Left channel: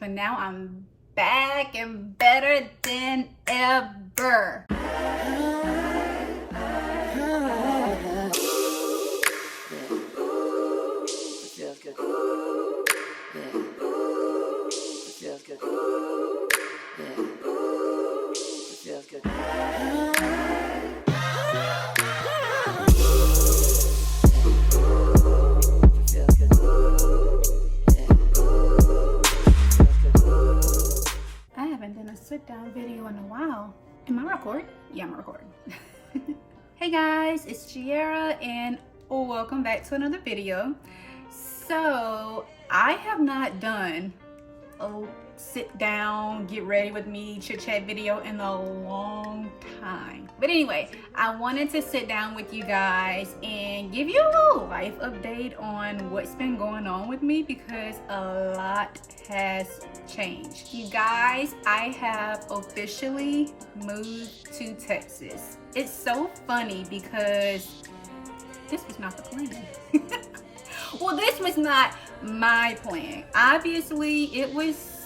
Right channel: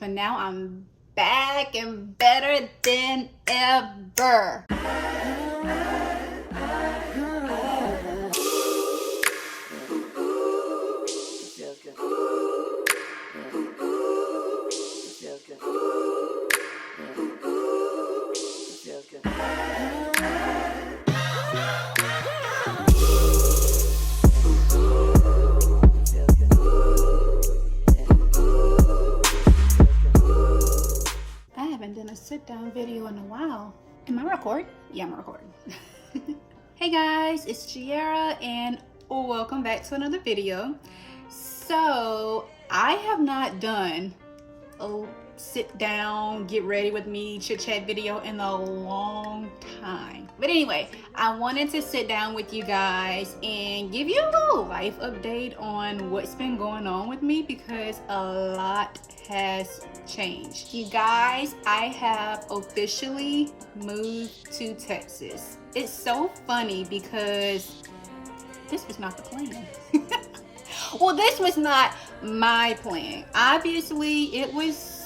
But now I'm back and better than ever. Feels good. Yeah. It feels good. Yeah. It feels good. I haven't done a sit down video in a while. Am I recording? Yeah, I'm recording. Hey guys, it's Giara and welcome back to another video. So I have not done a sit down, get ready with me, chit chat video in a long time. But anyway, I wanted to sit down with you guys and give you a little life update on what's been going on with me because a lot has changed. You guys, I have officially moved to Texas. It's so funny because this was not the plan. Well, this was not my plan. Obviously, it was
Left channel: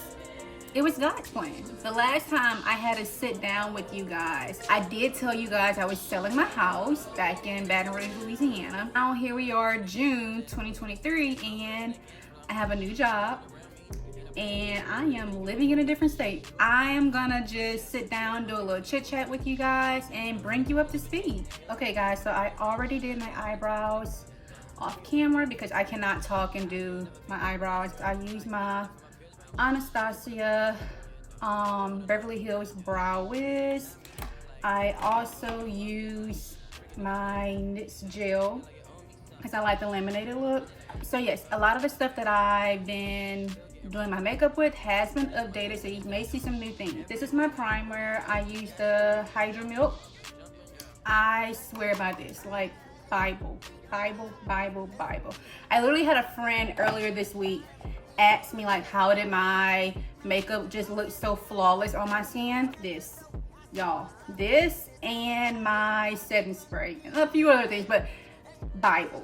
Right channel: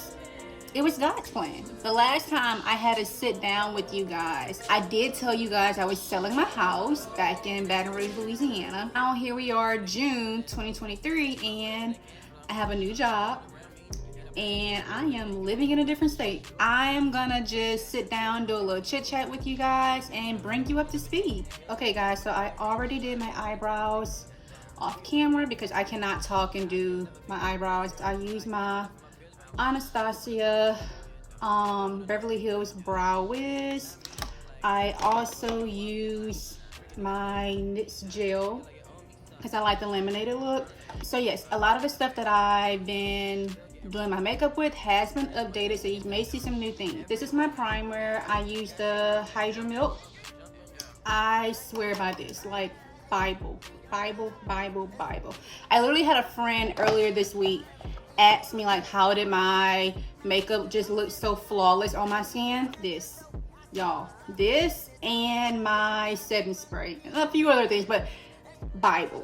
God's plan. The last time I had to sit down with you guys, I did tell you guys I was selling my house back in Baton Rouge, Louisiana. Now here we are, June 2023, and I have a new job and I am living in a different state. I am gonna just sit down, do a little chit chat with you guys and bring you up to speed. Okay guys, so I already did my eyebrows off camera because I cannot talk and do my eyebrows. I use my Anastasia Beverly Hills Brow Wiz. I also use my NYX gel because I like the laminated look. So yes, a lot of the stuff that I've been doing my makeup with has been updated, so you may see some new things. This is my primer. I use the Hydro Milk. I swear by this, like Bible. I literally had a friend earlier this week ask me like, how did my makeup just look so flawless on my skin? This, y'all, this and my setting spray and a few other things, but Bible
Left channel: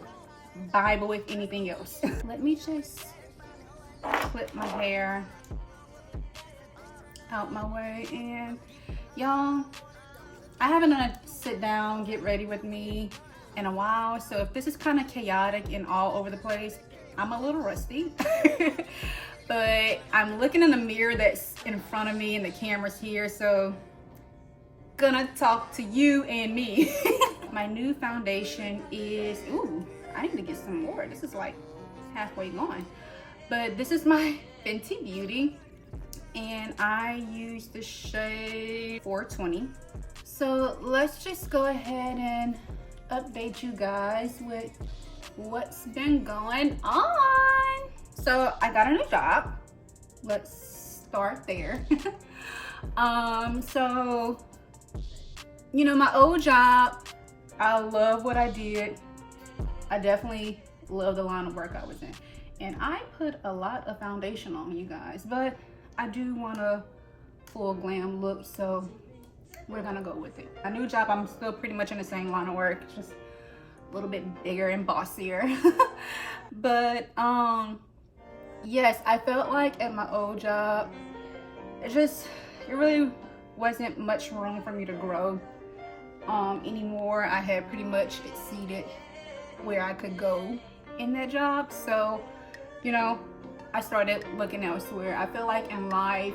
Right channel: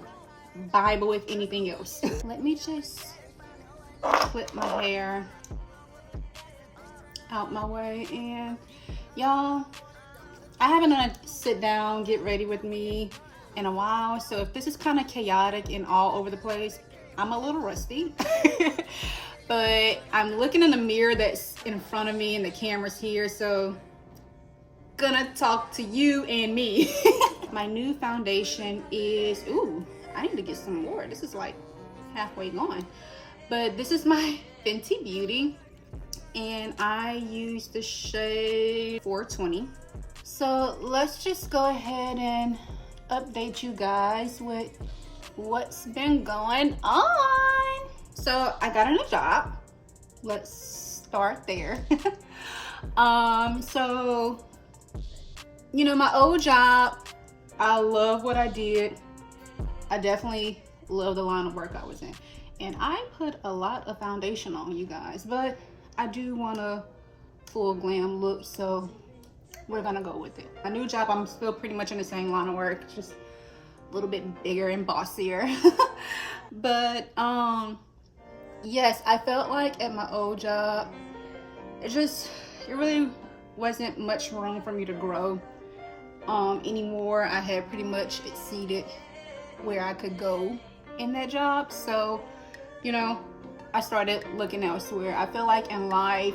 if anything else. Let me just clip my hair out my way. And y'all, I haven't done a sit down, get ready with me in a while, so if this is kind of chaotic and all over the place, I'm a little rusty. But I'm looking in the mirror that's in front of me and the camera's here, so gonna talk to you and me. My new foundation is, ooh, I need to get some more. This is like halfway gone. But this is my Fenty Beauty and I use the shade 420. So let's just go ahead and update you guys with what's been going on. So I got a new job. Let's start there. So you know, my old job, I love what I did. I definitely love the line of work I was in, and I put a lot of foundation on, you guys, but I do want a full glam look, so we're gonna go with it. My new job, I'm still pretty much in the same line of work, just a little bit bigger and bossier. But yes, I felt like at my old job, it really wasn't much room for me to grow anymore. I had pretty much exceeded where I could go in that job, so you know, I started looking elsewhere. I feel like in life,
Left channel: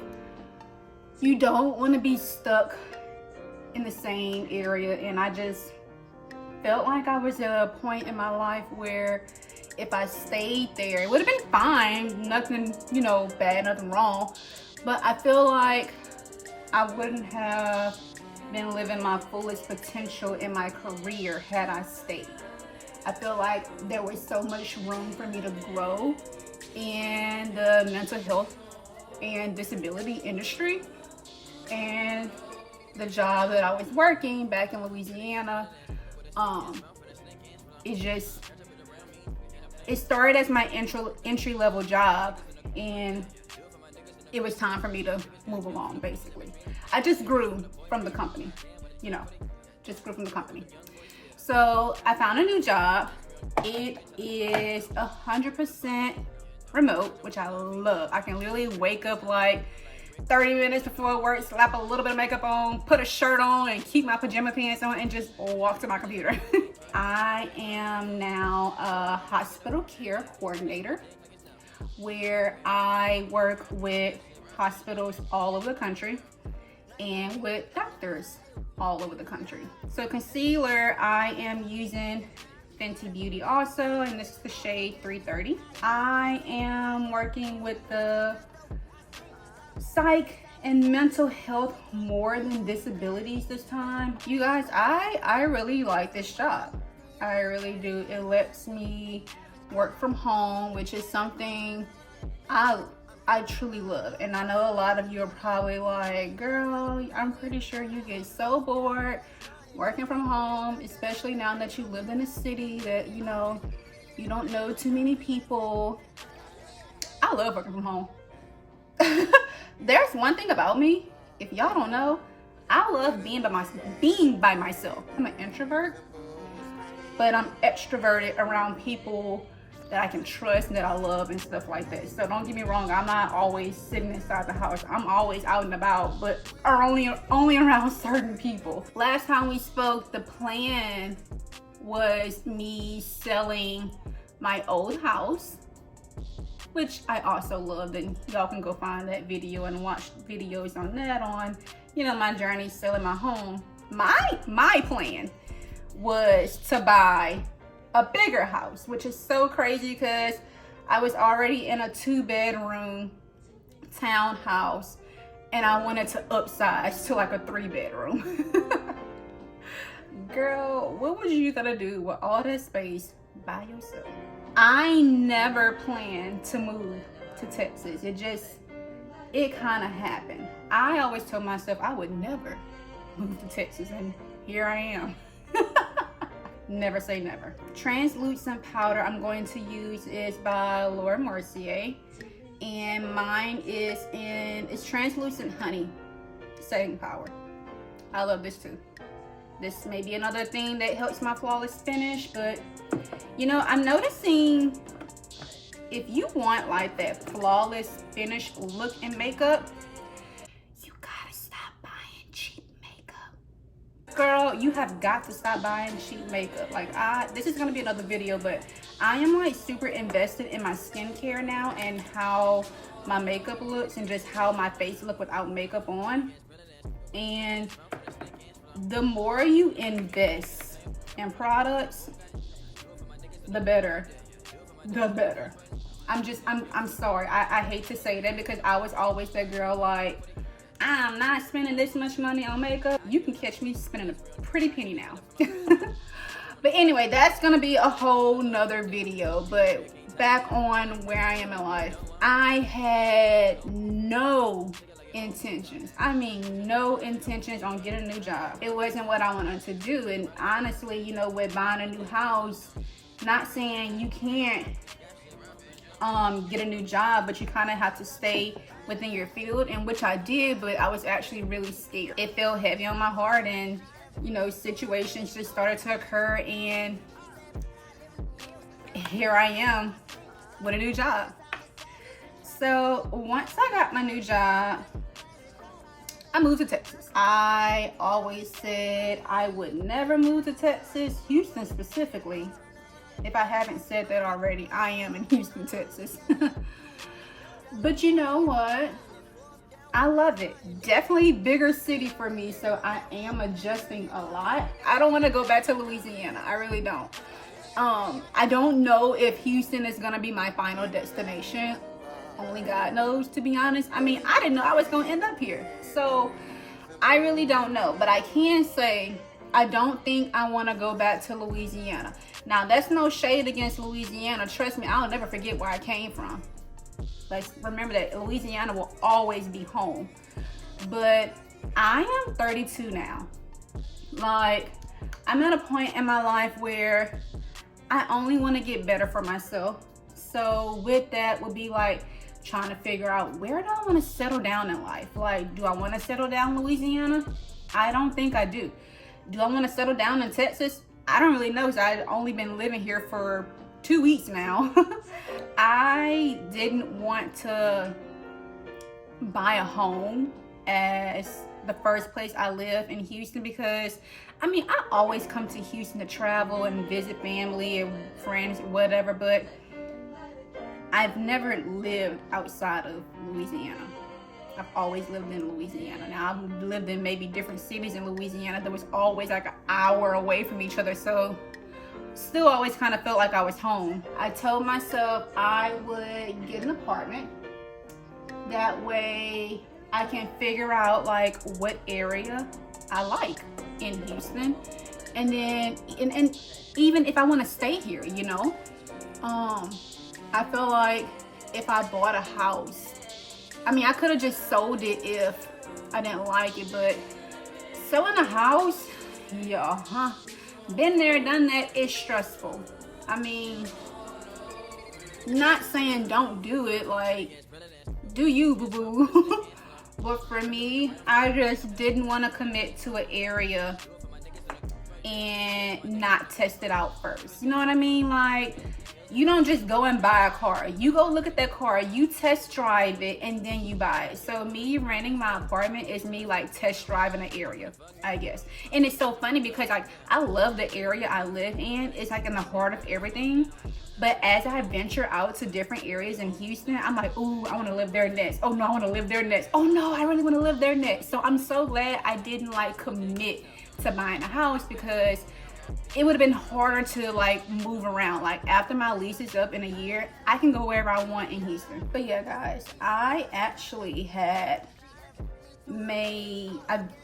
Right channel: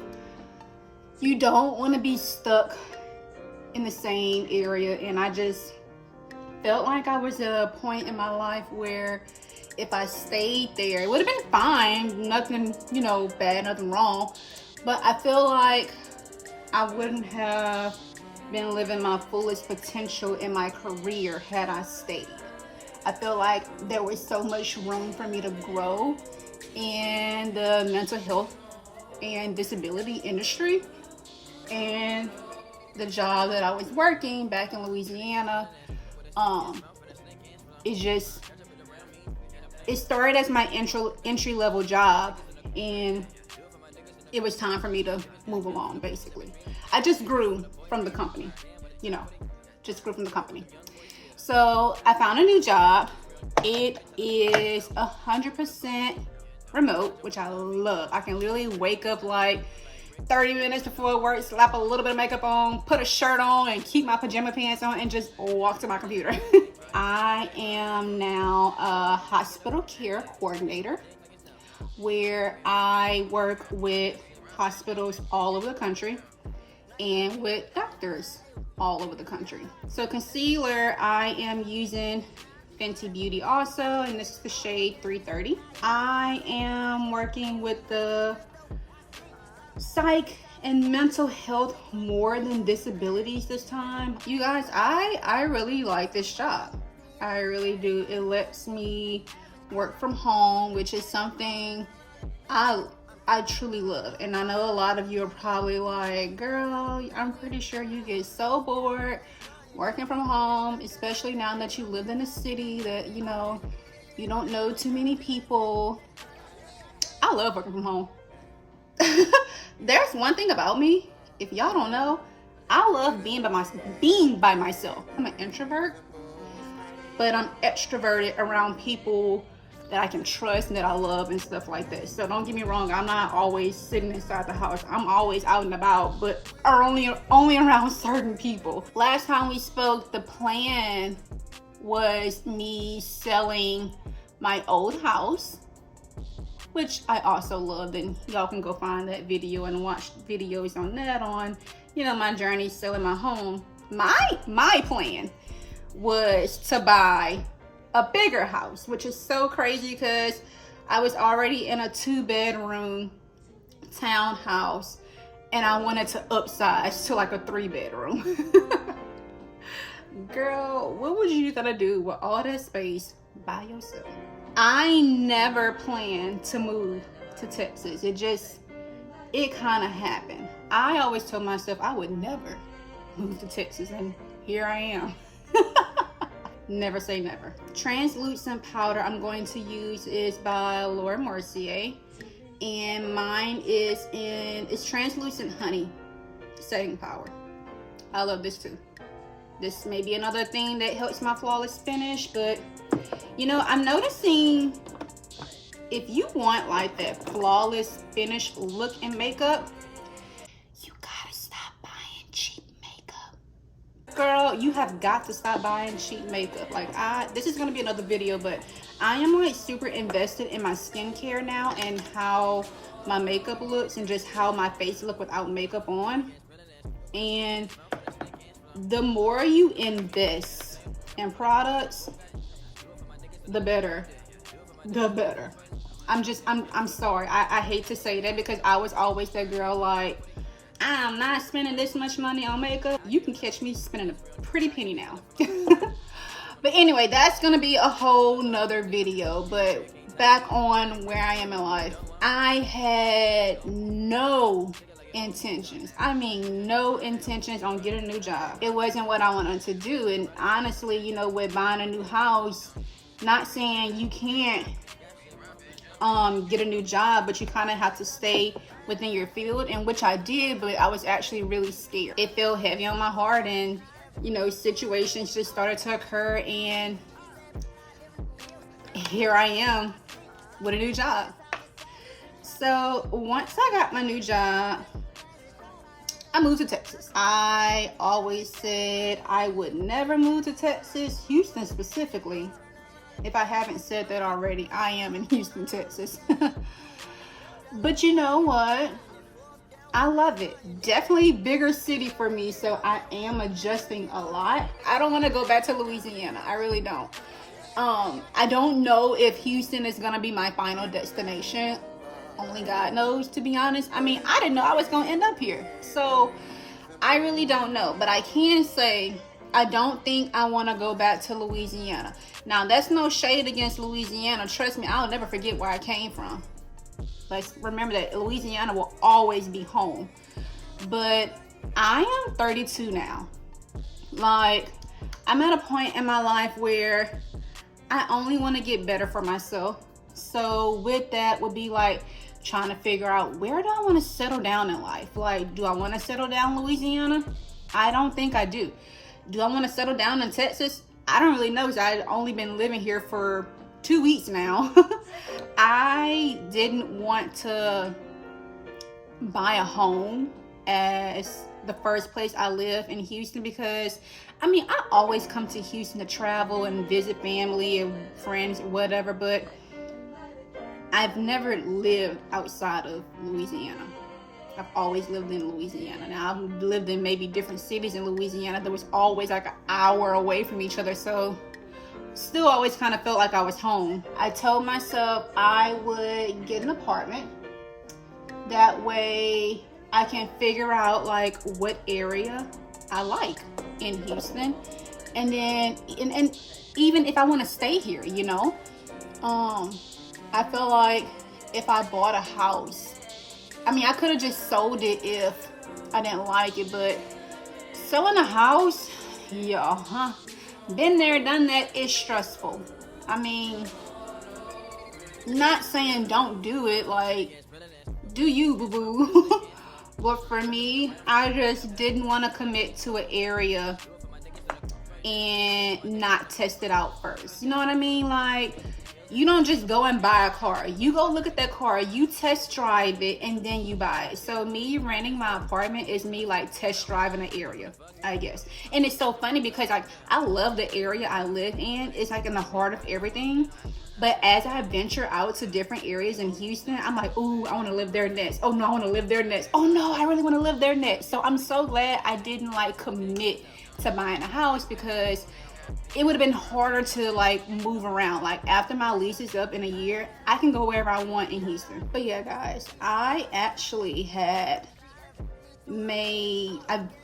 you don't want to be stuck in the same area, and I just felt like I was at a point in my life where if I stayed there, it would have been fine, nothing, you know, bad, nothing wrong, but I feel like I wouldn't have been living my fullest potential in my career had I stayed. I feel like there was so much room for me to grow in the mental health and disability industry, and the job that I was working back in Louisiana, it started as my entry level job, and it was time for me to move along. Basically, I just grew from the company, you know, just grew from the company. So I found a new job. It is 100% remote, which I love. I can literally wake up like 30 minutes before work, slap a little bit of makeup on, put a shirt on, and keep my pajama pants on, and just walk to my computer. I am now a hospital care coordinator, where I work with hospitals all over the country and with doctors all over the country. So concealer, I am using Fenty Beauty also, and this is the shade 330. I am working with the psych and mental health more than disabilities this time. You guys, I really like this job. I really do. It lets me work from home, which is something I truly love. And I know a lot of you are probably like, girl, I'm pretty sure you get so bored working from home, especially now that you live in a city that, you know, you don't know too many people. I love working from home. There's one thing about me, if y'all don't know, I love being by myself. I'm an introvert, but I'm extroverted around people that I can trust and that I love and stuff like that. So don't get me wrong, I'm not always sitting inside the house. I'm always out and about, but are only around certain people. Last time we spoke, the plan was me selling my old house, which I also loved, and y'all can go find that video and watch videos on that on, you know, my journey selling my home. My plan was to buy a bigger house, which is so crazy because I was already in a 2-bedroom townhouse and I wanted to upsize to like a 3-bedroom. Girl, what was you gonna do with all that space by yourself? I never planned to move to Texas. It kind of happened. I always told myself I would never move to Texas, and here I am. Never say never. Translucent powder I'm going to use is by Laura Mercier, and mine is it's translucent honey setting powder. I love this too. This may be another thing that helps my flawless finish, but you know, I'm noticing if you want like that flawless finish look in makeup, you gotta stop buying cheap makeup. Girl, you have got to stop buying cheap makeup. Like this is gonna be another video, but I am like super invested in my skincare now and how my makeup looks and just how my face look without makeup on. And the more you invest in products, the better. I'm sorry. I hate to say that because I was always that girl like, I'm not spending this much money on makeup. You can catch me spending a pretty penny now. But anyway, that's gonna be a whole nother video. But back on where I am in life, I had no intentions. I mean, no intentions on getting a new job. It wasn't what I wanted to do. And honestly, you know, with buying a new house, not saying you can't get a new job, but you kind of have to stay within your field, and which I did, but I was actually really scared. It felt heavy on my heart, and you know, situations just started to occur, and here I am with a new job. So once I got my new job, I moved to Texas. I always said I would never move to Texas, Houston specifically. If I haven't said that already, I am in Houston, Texas. But you know what? I love it. Definitely bigger city for me, so I am adjusting a lot. I don't want to go back to Louisiana. I really don't. I don't know if Houston is gonna be my final destination. Only God knows, to be honest. I mean, I didn't know I was gonna end up here, so I really don't know. But I can say I don't think I want to go back to Louisiana. Now, that's no shade against Louisiana. Trust me, I'll never forget where I came from. Like, remember that Louisiana will always be home. But I am 32 now. Like, I'm at a point in my life where I only want to get better for myself. So with that would be like trying to figure out, where do I want to settle down in life? Like, do I want to settle down in Louisiana? I don't think I do. Do I want to settle down in Texas? I don't really know, because I've only been living here for 2 weeks now. I didn't want to buy a home as the first place I live in Houston, because I mean, I always come to Houston to travel and visit family and friends or whatever, but I've never lived outside of Louisiana. I've always lived in Louisiana. Now, I've lived in maybe different cities in Louisiana that was always like an hour away from each other, so still always kind of felt like I was home. I told myself I would get an apartment. That way I can figure out like what area I like in Houston, and then and even if I want to stay here, you know. I feel like if I bought a house, I mean, I could have just sold it if I didn't like it, but selling a house, yeah, been there, done that, is stressful. I mean, not saying don't do it, like, do you, boo-boo. But for me, I just didn't want to commit to an area and not test it out first. You know what I mean? Like, you don't just go and buy a car. You go look at that car, you test drive it, and then you buy it. So me renting my apartment is me like test driving an area, I guess. And it's so funny because like I love the area I live in. It's like in the heart of everything. But as I venture out to different areas in Houston, I'm like, ooh, I want to live there next. Oh no, I want to live there next. Oh no, I really want to live there next. So I'm so glad I didn't like commit to buying a house, because it would have been harder to like move around. Like after my lease is up in a year, I can go wherever I want in Houston. But yeah, guys, I actually I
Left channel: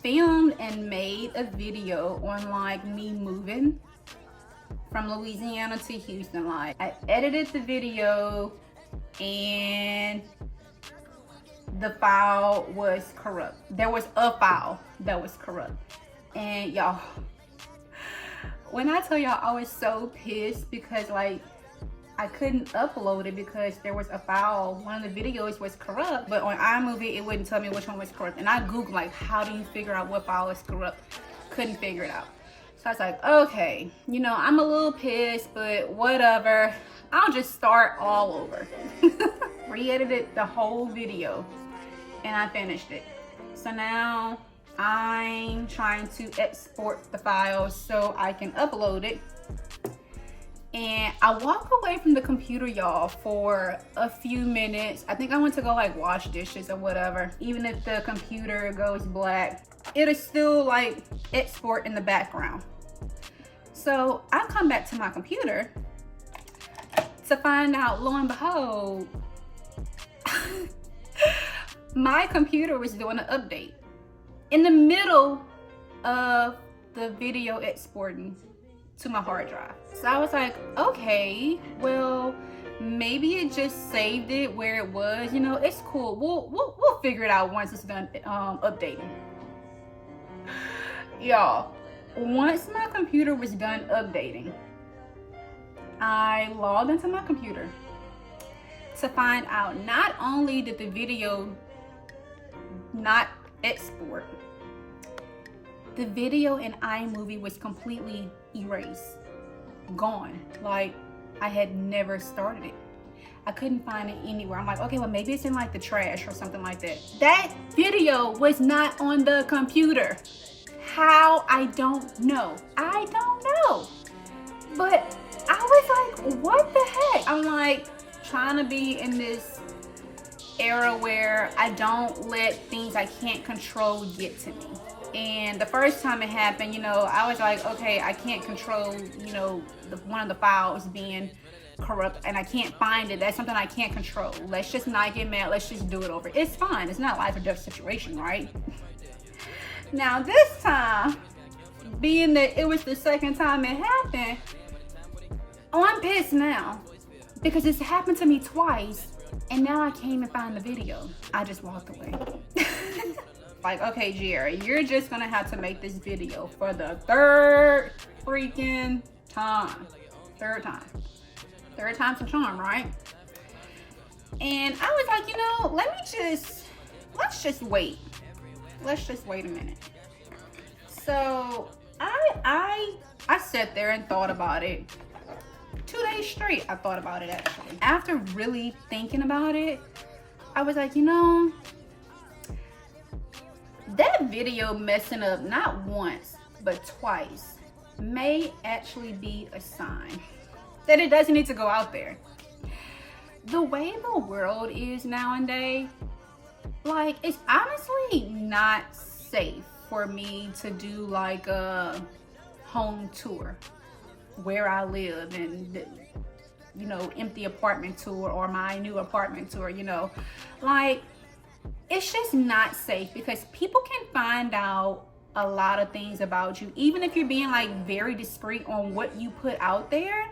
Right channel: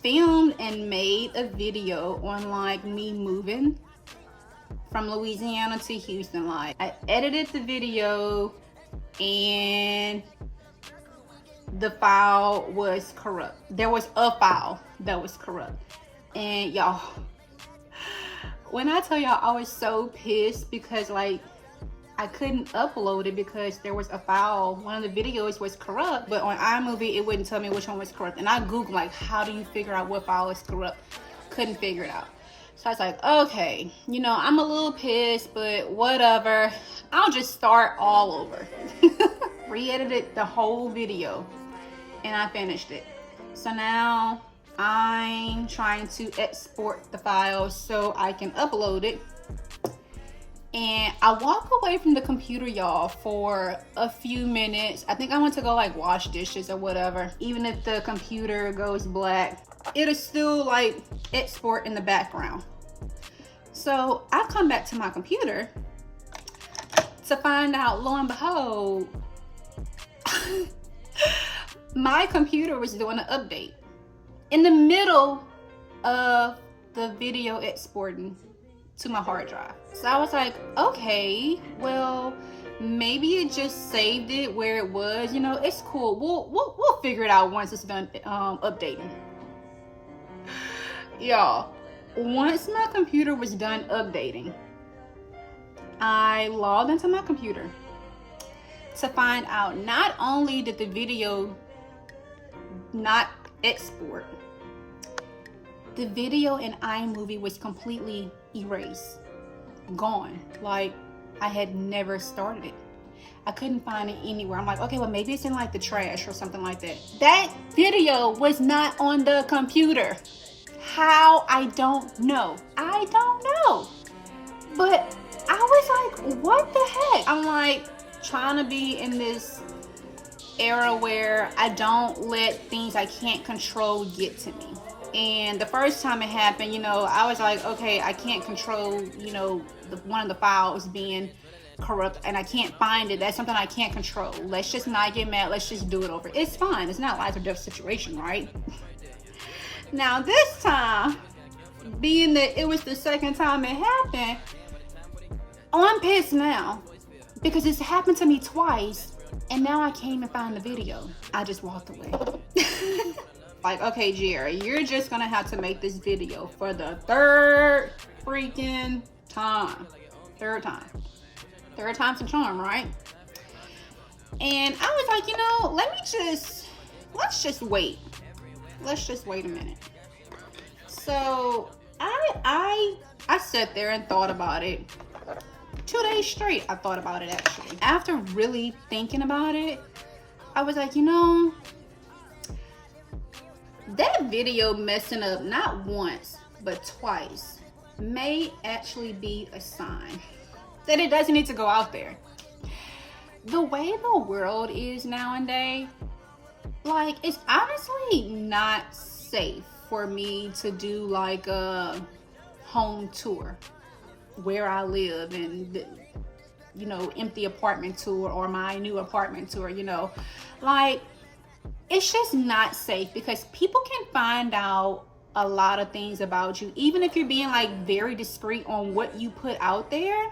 filmed and made a video on like me moving from Louisiana to Houston. Like I edited the video and the file was corrupt. There was a file that was corrupt. And y'all, when I tell y'all I was so pissed because like I couldn't upload it because there was a file, one of the videos was corrupt, but on iMovie it wouldn't tell me which one was corrupt. And I googled like, how do you figure out what file is corrupt? Couldn't figure it out. So I was like, okay, you know, I'm a little pissed, but whatever, I'll just start all over. Re-edited the whole video and I finished it. So now I'm trying to export the file so I can upload it. And I walk away from the computer, y'all, for a few minutes. I think I went to go like wash dishes or whatever. Even if the computer goes black, it'll still like export in the background. So I come back to my computer to find out, lo and behold, my computer was doing an update in the middle of the video exporting to my hard drive. So I was like, okay, well, maybe it just saved it where it was. You know, it's cool. We'll figure it out once it's done updating. Y'all, once my computer was done updating, I logged into my computer to find out not only did the video not export, the video in iMovie was completely erased, gone, like I had never started it. I couldn't find it anywhere. I'm like, okay, well maybe it's in like the trash or something like that. That video was not on the computer. How? I don't know. I don't know. But I was like, what the heck? I'm like trying to be in this era where I don't let things I can't control get to me. And the first time it happened, you know, I was like, okay, I can't control, you know, one of the files being corrupt and I can't find it. That's something I can't control. Let's just not get mad. Let's just do it over. It's fine. It's not a life or death situation, right? Now this time, being that it was the second time it happened, oh, I'm pissed now because it's happened to me twice and now I can't even find the video. I just walked away. Like, okay, Giara, you're just gonna have to make this video for the third freaking time. Third time. Third time's a charm, right? And I was like, you know, let's just wait. Let's just wait a minute. So I sat there and thought about it. 2 days straight, I thought about it actually. After really thinking about it, I was like, you know, that video messing up not once, but twice may actually be a sign that it doesn't need to go out there. The way the world is nowadays, like, it's honestly not safe for me to do like a home tour where I live and, you know, empty apartment tour or my new apartment tour, you know, like, it's just not safe because people can find out a lot of things about you. Even if you're being like very discreet on what you put out there,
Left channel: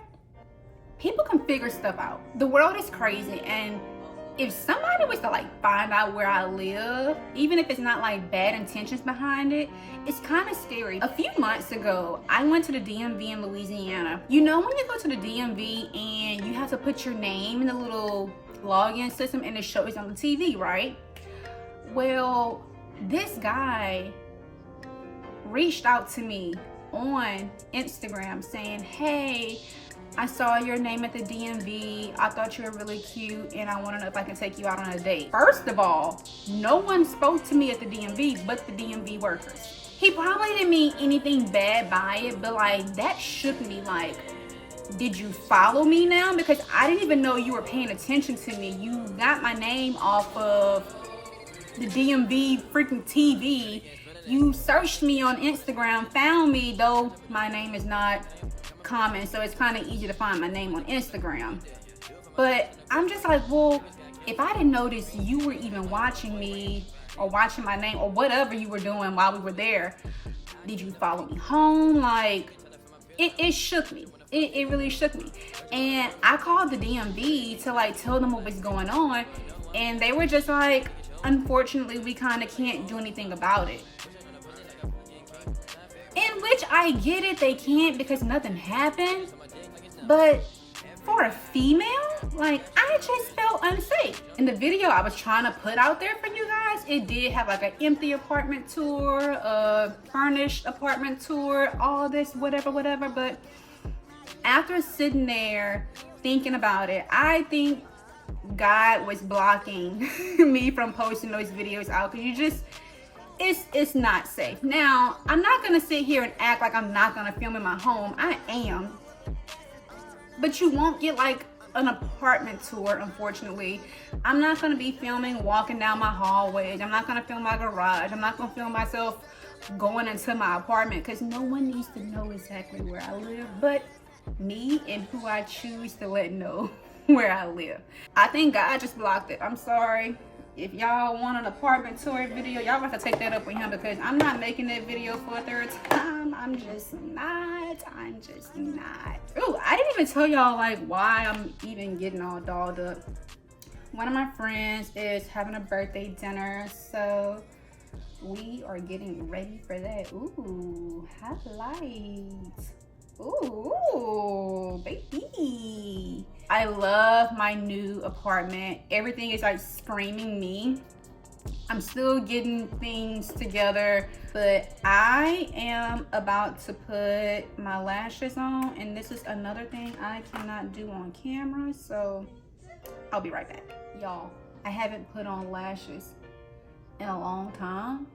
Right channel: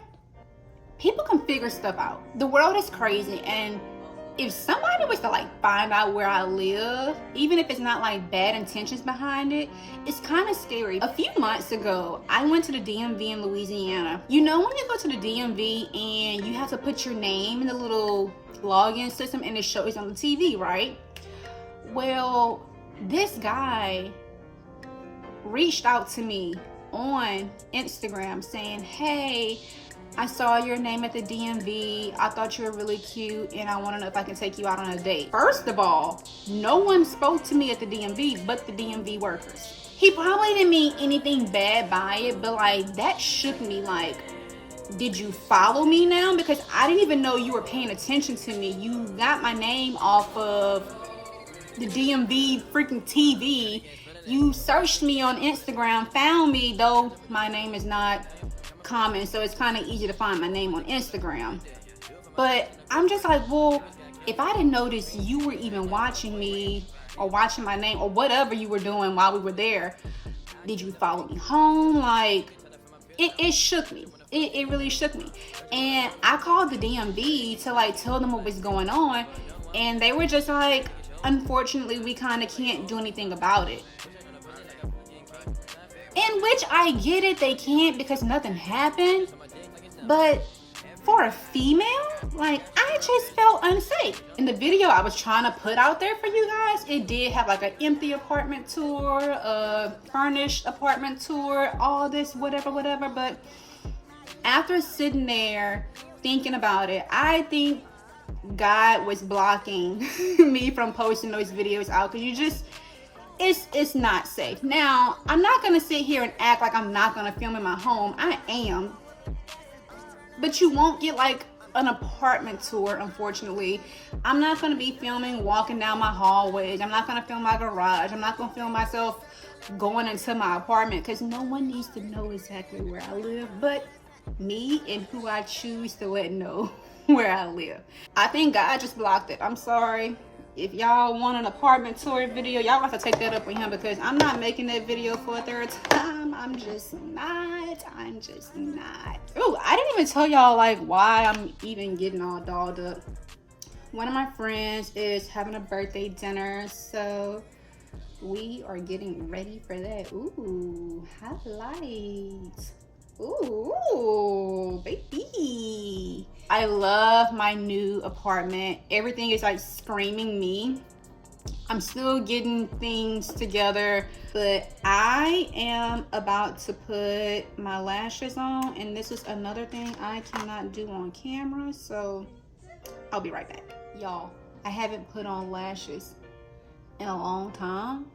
people can figure stuff out. The world is crazy, and if somebody was to like find out where I live, even if it's not like bad intentions behind it, it's kind of scary. A few months ago, I went to the DMV in Louisiana. You know, when you go to the DMV and you have to put your name in the little login system and it shows on the TV, right? Well, this guy reached out to me on Instagram saying, hey, I saw your name at the DMV. I thought you were really cute and I want to know if I can take you out on a date. First of all, no one spoke to me at the DMV but the DMV workers. He probably didn't mean anything bad by it, but like, that shook me. Like, did you follow me now? Because I didn't even know you were paying attention to me. You got my name off of the DMV freaking TV. You searched me on Instagram, found me, though my name is not common, so it's kind of easy to find my name on Instagram. But I'm just like, well, if I didn't notice you were even watching me or watching my name or whatever you were doing while we were there, did you follow me home? Like, it shook me. It really shook me. And I called the DMV to like tell them what was going on, and they were just like, unfortunately, we kind of can't do anything about it. In which I get it, they can't because nothing happened. But for a female, like, I just felt unsafe. In the video I was trying to put out there for you guys, it did have like an empty apartment tour, a furnished apartment tour, all this, whatever. But after sitting there thinking about it, I think God was blocking me from posting those videos out because you just, it's not safe. Now, I'm not gonna sit here and act like I'm not gonna film in my home. I am, but you won't get like an apartment tour, unfortunately. I'm not gonna be filming walking down my hallways. I'm not gonna film my garage. I'm not gonna film myself going into my apartment because no one needs to know exactly where I live but me and who I choose to let know where I live. I think God just blocked it. I'm sorry. If y'all want an apartment tour video, y'all have to take that up with him because I'm not making that video for a third time. I'm just not. Ooh, I didn't even tell y'all like why I'm even getting all dolled up. One of my friends is having a birthday dinner, so we are getting ready for that. Ooh, highlights. Ooh, baby. I love my new apartment. Everything is like screaming me. I'm still getting things together, but I am about to put my lashes on, and this is another thing I cannot do on camera, so I'll be right back. Y'all, I haven't put on lashes in a long time,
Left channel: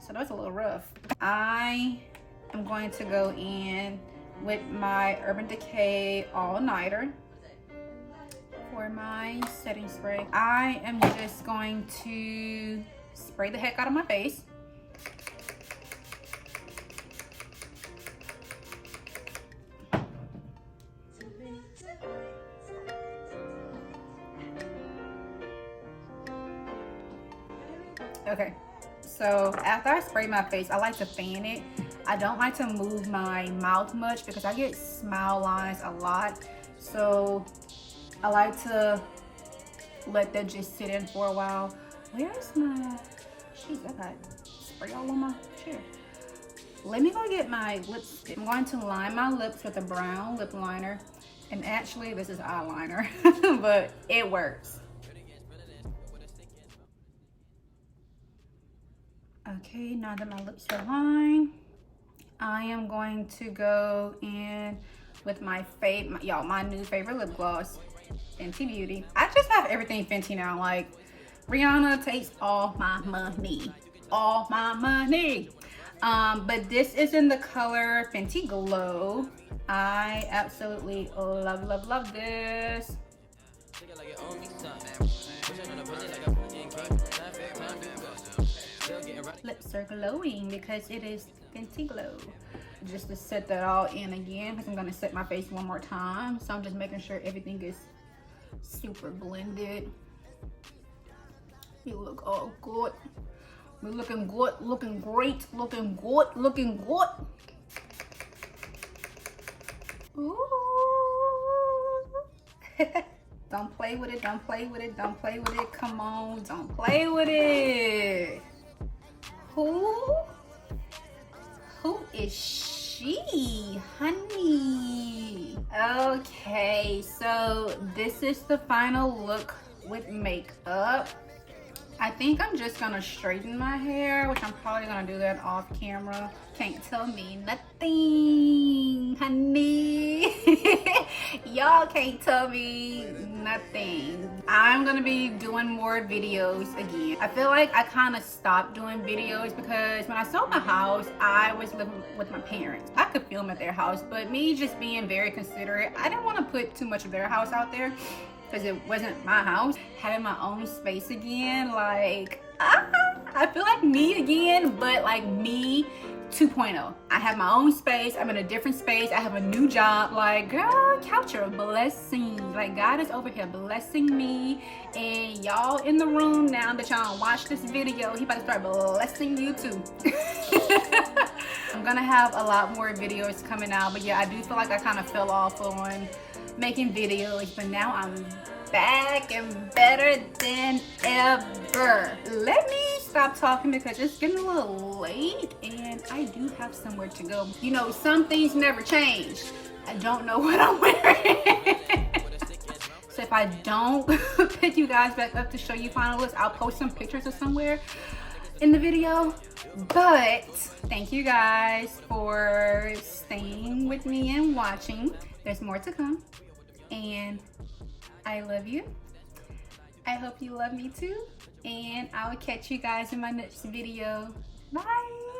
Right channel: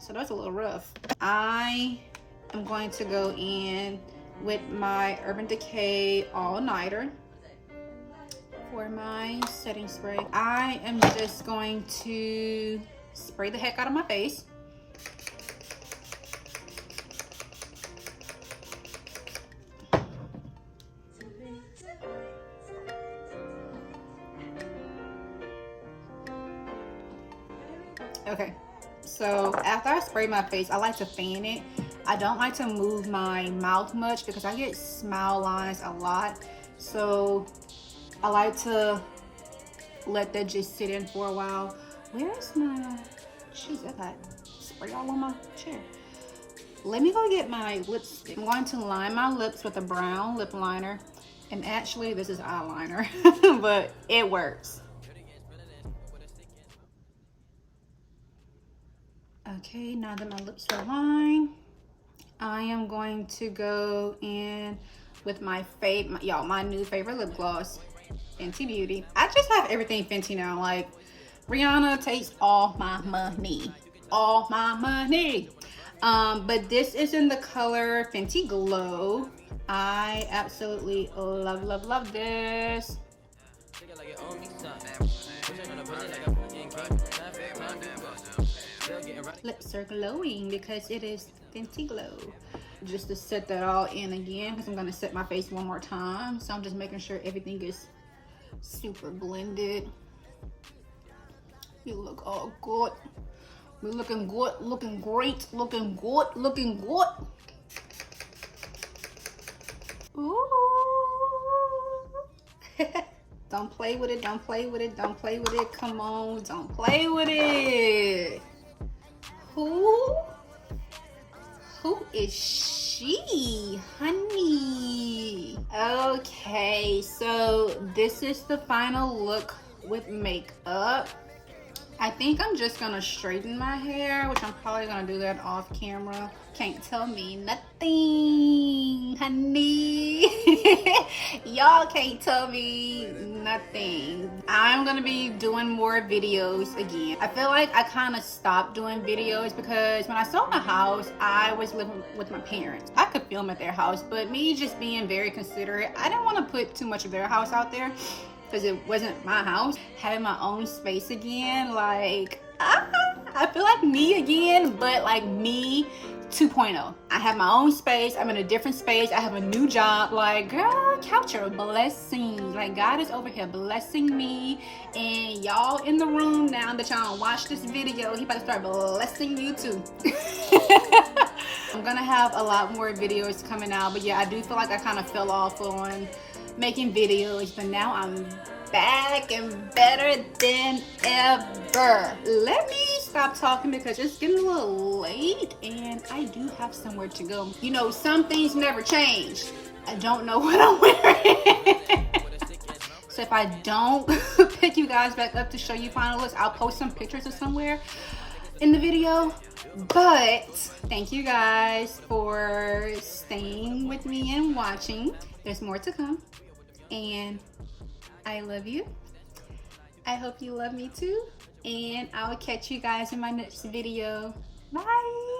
so that's a little rough. I am going to go in with my Urban Decay all-nighter for my setting spray. I am just going to spray the heck out of my face. Okay, so after I spray my face, I like to fan it. I don't like to move my mouth much because I get smile lines a lot. So I like to let that just sit in for a while. Where's my, jeez, I got spray all on my chair. Let me go get my lipstick. I'm going to line my lips with a brown lip liner. And actually this is eyeliner, but it works. Okay, now that my lips are lined, I am going to go in with my new favorite lip gloss, Fenty Beauty. I just have everything Fenty now. Like, Rihanna takes all my money. All my money. But this is in the color Fenty Glow. I absolutely love this. Lips are glowing because it is Fenty Glow. Just to set that all in again, because I'm going to set my face one more time. So I'm just making sure everything is super blended. You look all good. We're looking good, looking great, looking good, looking good. Ooh. Don't play with it, don't play with it, don't play with it. Come on, don't play with it. Who is she, honey? Okay, so this is the final look with makeup. I think I'm just gonna straighten my hair, which I'm probably gonna do that off camera. Can't tell me nothing, honey. Y'all can't tell me nothing. I'm gonna be doing more videos again. I feel like I kind of stopped doing videos because when I sold my house, I was living with my parents. I could film at their house, but me just being very considerate, I didn't want to put too much of their house out there, because it wasn't my house. Having my own space again, like, I feel like me again, but like me 2.0. I have my own space. I'm in a different space. I have a new job. Like, girl, count your blessings. Like, God is over here blessing me, and y'all in the room now that y'all watch this video, he about to start blessing you too. I'm gonna have a lot more videos coming out, but yeah, I do feel like I kind of fell off on making videos, but now I'm back and better than ever. Let me stop talking because it's getting a little late and I do have somewhere to go. You know, some things never change. I don't know what I'm wearing. So if I don't pick you guys back up to show you final looks, I'll post some pictures of somewhere in the video. But thank you guys for staying with me and watching. There's more to come. And I love you. I hope you love me too. And I will catch you guys in my next video. Bye.